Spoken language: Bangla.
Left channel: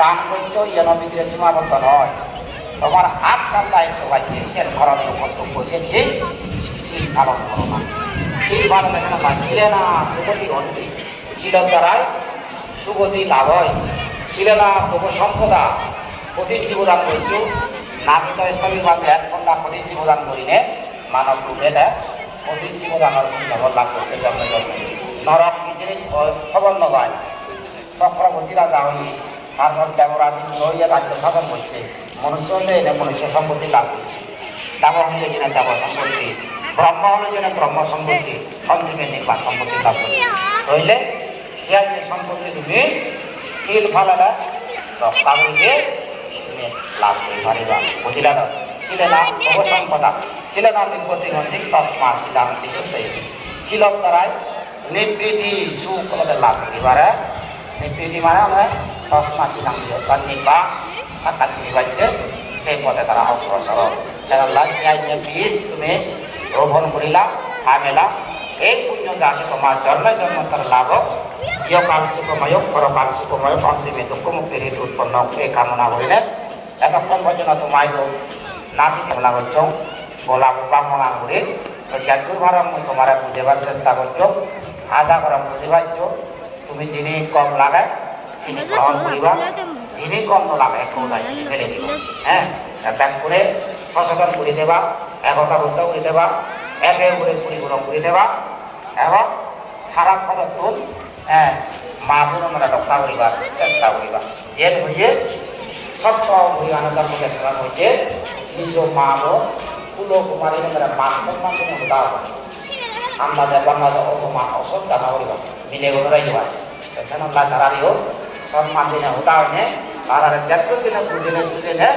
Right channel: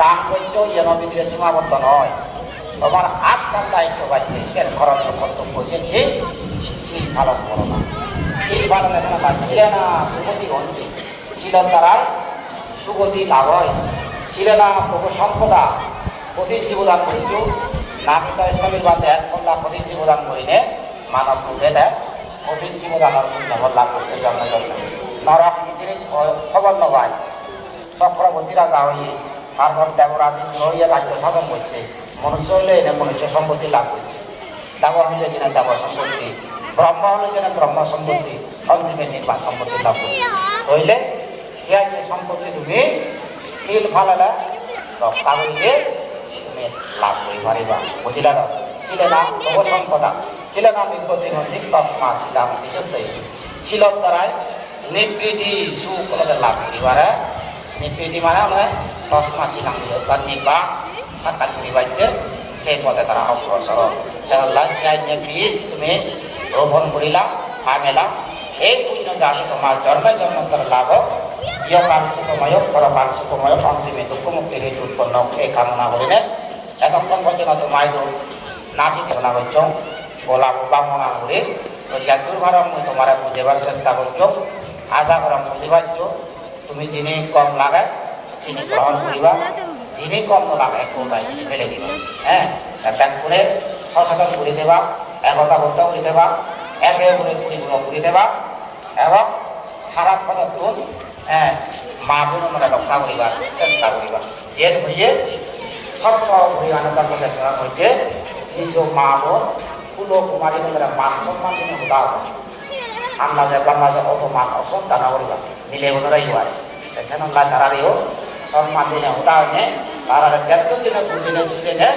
দান করছো যেন বিক্রিয়া সীমাবদ্ধ নয়, তোমার আত্মার দায়িত্ব পাচ্ছে সে করণীয় কর্তব্য সেটি শীল পালন করো না। শীল পালনের সময় শিলে না সুগতি ঘটে, শিলের দ্বারা সুগতি লাভ হয়। শিলে না প্রভু সম্পদা প্রতি জীবদান করছো না কিন্তু ইসলামী বাদে এক কন্যা প্রতি জীবদান করিনে মানব রূপে দেয় প্রতি জীবদানের খবর লাভ করতে জন্ম নরক কি জিনিস খবর নয়। চক্রবর্তী রাজা হয়ে তারপর দেবরাজ হইয়া রাজ্য শাসন করছে, মনুষ্য হলে এনে মনুষ্য সম্পত্তি লাভ করছে, দেব হলে যেন দেব সম্পত্তি, ব্রহ্ম হলে যেন ব্রহ্ম সম্পত্তি, সন্ধিকে নির্বাণ সম্পত্তি লাভ করছে। হইলে সে সম্পত্তি তুমি শীল ফালালে রক্তাবলীকে তুমি লাভ করে পারিবা। বুঝিলা তো ছিলে না সম্পদা ছিলে না নিবৃত্তি নদী তৎমা শিলাম বিশুদ্ধ শিলর দ্বারাই নিবৃত্তি সুখ লাভ করিবারে। নিবৃত্তি মানে আমরা তৎমা শিলাম তার নির্বাহ সাক্ষাৎ করিবাইতে সেই পথে তারা অগ্রসর। সেগুলা সিয়াইনে বীজ তুমি রোপণ করিলা আমেলা এই পুণ্য জানি তোমার জন্মে জন্মান্তর লাভ ইয়কাল সুখময় পরকাল সুখময় অন্তিমে দুঃখমুক্তির হেতু উৎপন্ন এই কামনা করিলে এতক্ষণ পর্যন্ত তোমায় তো নাতি কামনা করছ বলা কামনা করে যদ্দূর ভার আমি তোমার বুঝেবার চেষ্টা করছো আশা করা বুঝে পারছ। তুমি যিনি কম লাগায় চিনি গ্রহণ করিবা, যিনি কম লাগায় কোথায় ফেলে দিবা। হ্যাঁ ব্যাগ করে সচেতন করে দেবা, একতা করতে করে দেবা, একে করে পরিপূর্ণ করে দেবা এবং খারাপ পদার্থ হ্যাঁ মা বোন আমরা রক্ষা করিবার চেষ্টা করিবা। জেল হইয়ে সত্য হরিয়ানার মধ্যে স্মরণ হচ্ছে নিজ মা বোন কুলো কুমারী আমরা মান সম্মান জন্য উদাহ আন্দাজে বাংলাদেশে অপমান অসম্মান করিবা মিলে উড়াইবা সেখানে তারারেও সম্মান দিনে উদাহরণে তারা যত দিনে বুঝিনে সুদিনে